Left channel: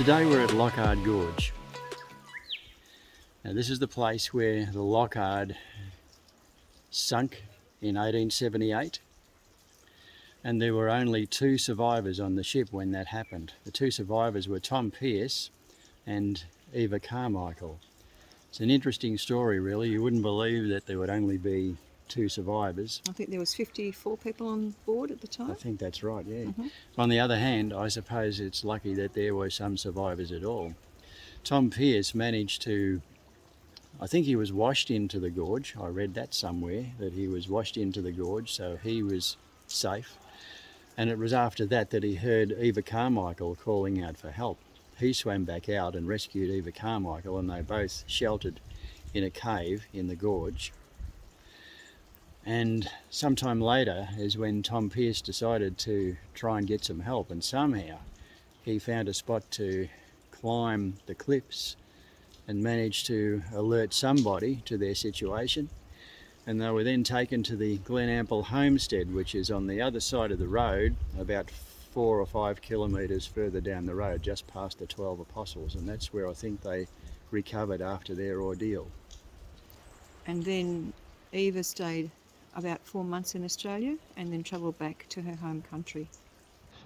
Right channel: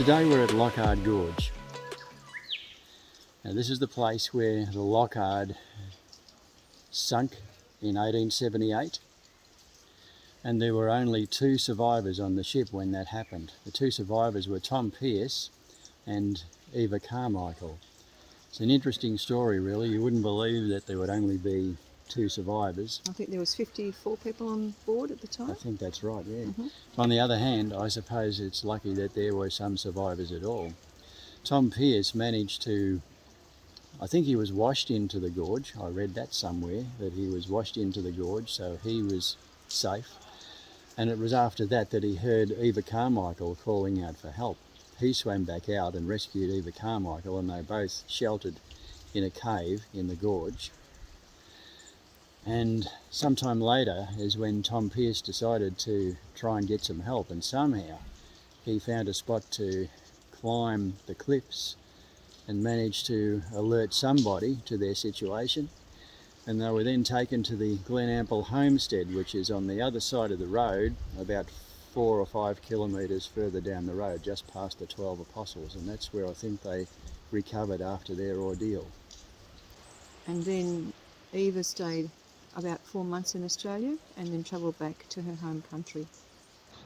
Today we're at Loch Ard Gorge. Now this is the place where the Loch Ard sunk in 1878, and there were only 2 survivors on the ship when that happened. The 2 survivors were Tom Pearce and Eva Carmichael. It's an interesting story really. You wouldn't believe that there would only be 2 survivors. I think there was 54 people on board at the time. I think that's right, yeah. Mm-hmm. On the other hand, I suppose it's lucky that there were some survivors at all. Tom Pearce managed to, I think he was washed into the gorge. I read that somewhere, that he was washed into the gorge, so he was safe. And it was after that that he heard Eva Carmichael calling out for help. He swam back out and rescued Eva Carmichael, and they both sheltered in a cave in the gorge. And sometime later is when Tom Pearce decided to try and get some help, and somehow he found a spot to climb the cliffs and managed to alert somebody to their situation. And they were then taken to the Glenample homestead, which is on the other side of the road, about 4 or 5 kilometres further down the road, just past the 12 Apostles, and that's where I think they recovered after their ordeal. And then Eva stayed about 4 months in Australia and then travelled back to her home country.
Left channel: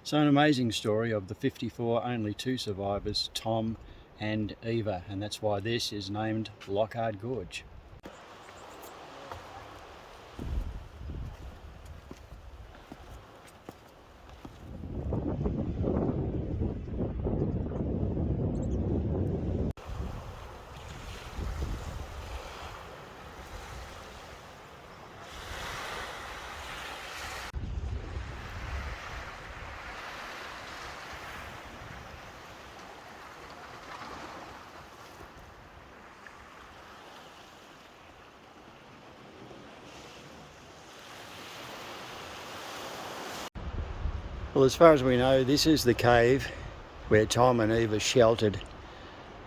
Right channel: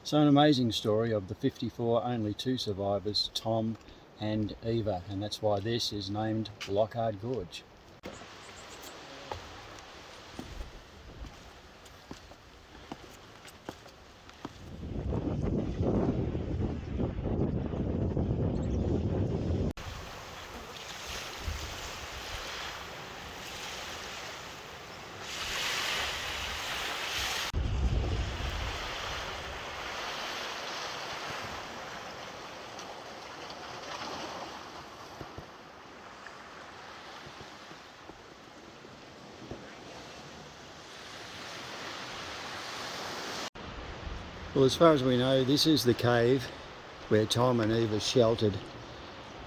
So an amazing story. Of the 54, only 2 survivors, Tom and Eva, and that's why this is named Loch Ard Gorge. Well, as far as we know, this is the cave where Tom and Eva sheltered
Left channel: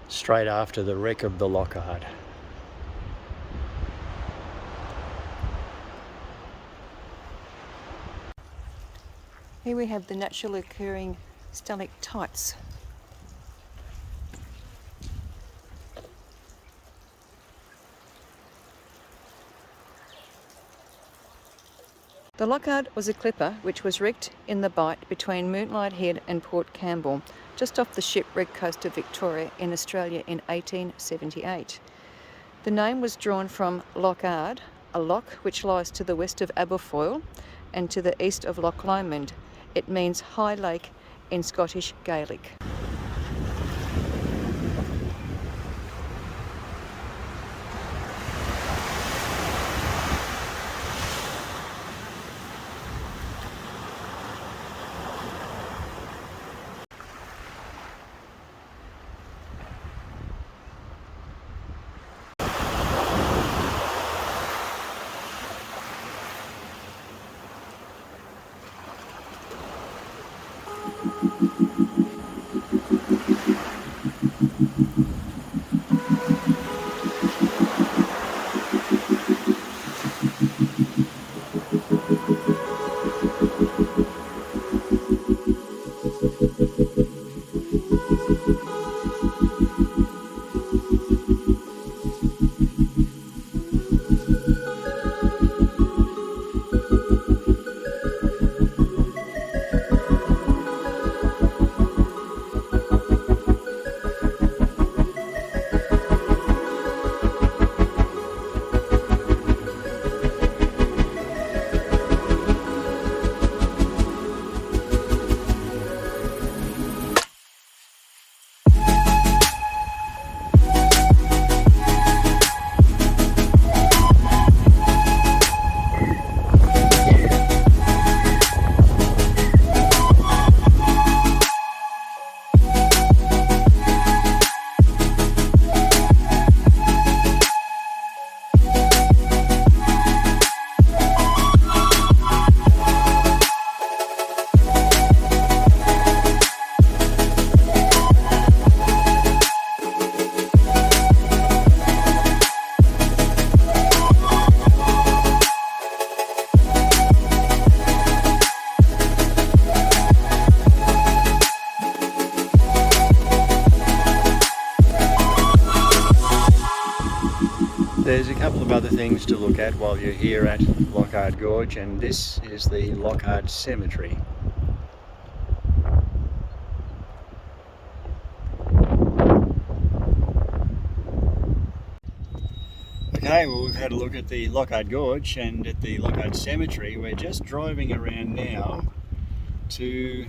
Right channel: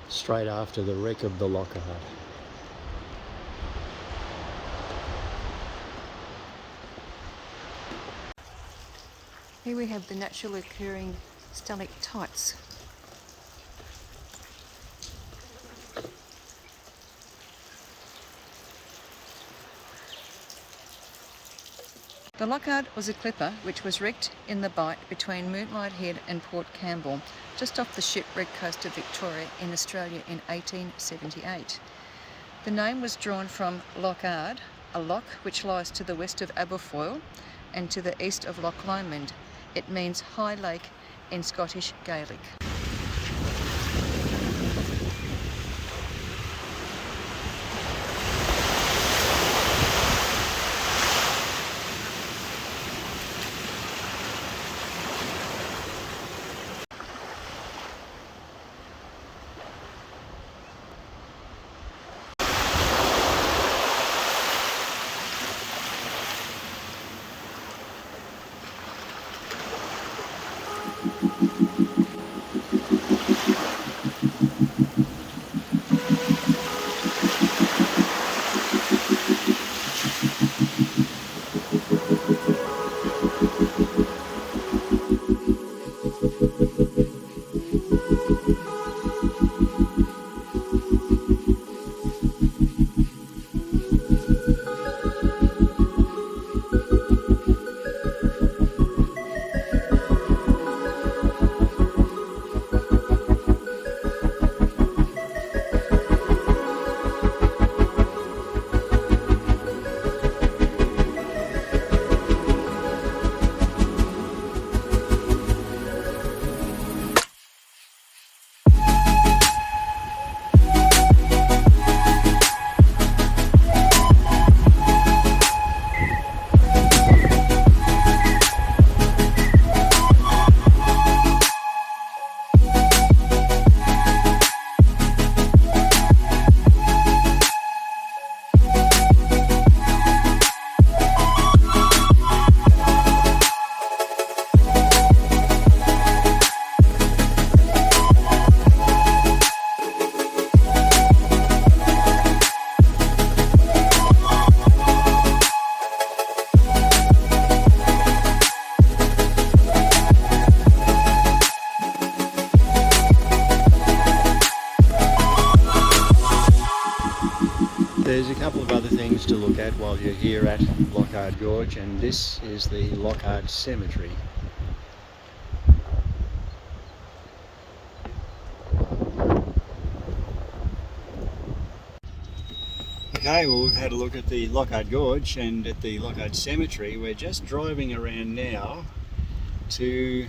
straight after the wreck of the Loch Ard. Here we have the naturally occurring stalactites. The Loch Ard was a clipper which was wrecked in the bight between Moonlight Head and Port Campbell, just off the Shipwreck Coast of Victoria in Australia in 1878. The name was drawn from Loch Ard, a loch which lies to the west of Aberfoyle and to the east of Loch Lomond. It means high lake in Scottish Gaelic. There's a couple of other things to look at while you're here at Loch Ard Gorge, and this is the Loch Ard Cemetery. Okay, well, we've had a look at the Loch Ard Gorge and at the Loch Ard Cemetery. We're just driving around now to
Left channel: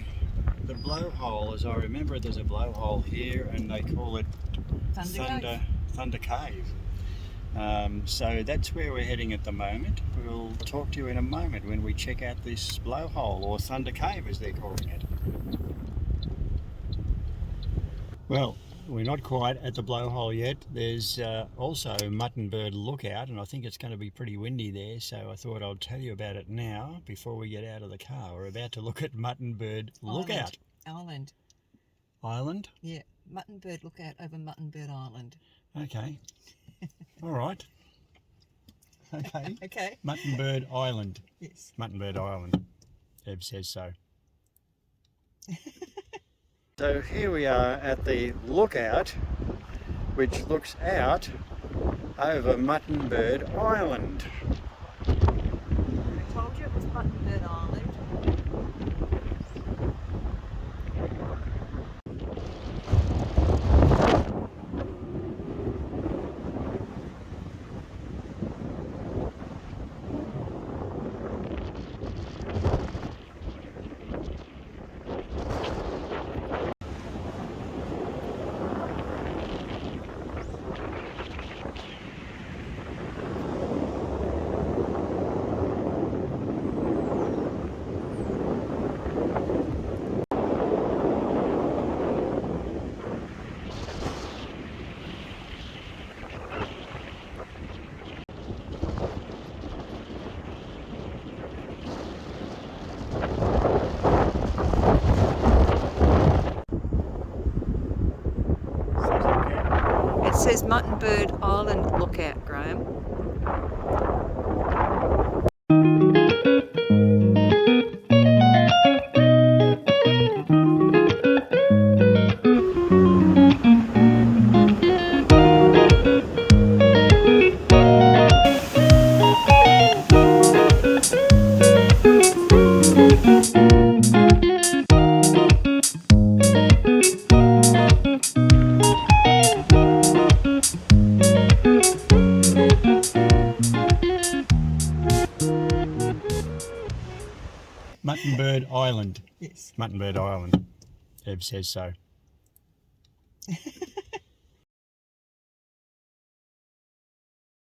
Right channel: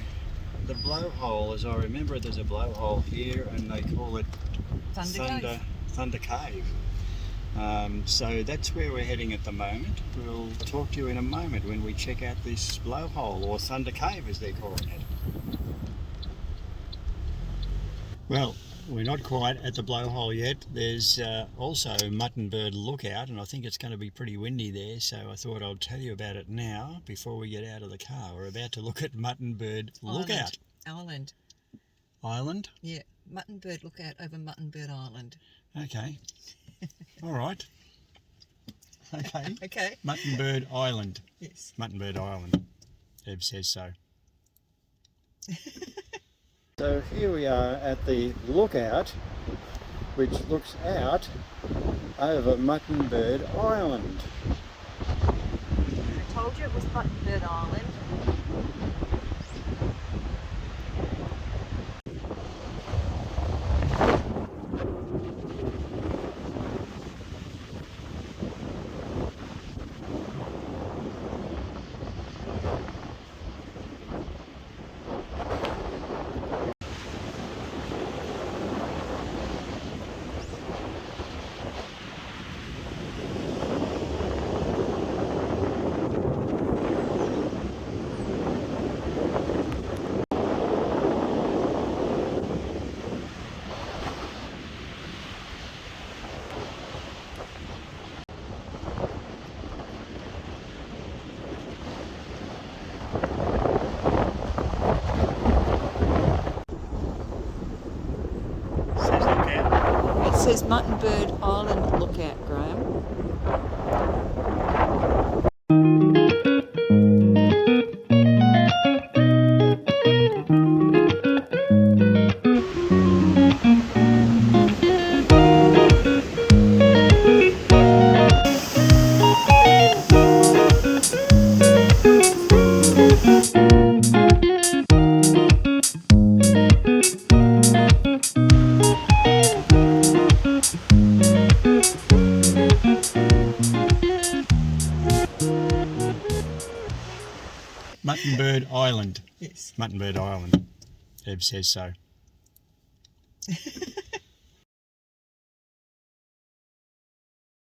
the blowhole. As I remember, there's a blowhole here and they call it Thunder Cave. So that's where we're heading at the moment. We'll talk to you in a moment when we check out this blowhole, or Thunder Cave as they're calling it. Well, we're not quite at the blowhole yet. There's also Mutton Bird Lookout, and I think it's going to be pretty windy there, so I thought I'd tell you about it now before we get out of the car. We're about to look at Mutton Bird Lookout. Island? Yeah, Mutton Bird Lookout over Mutton Bird Island. Okay. All right. Okay. Okay. Mutton Bird Island. Yes. Mutton Bird Island. Eb says so. So here we are at the lookout, which looks out over Mutton Bird Island. I told you it was Mutton Bird Island. It says Mutton Bird Island Lookout, Graham. Mutton Bird Island. Yes. Mutton Bird Island. Eb says so.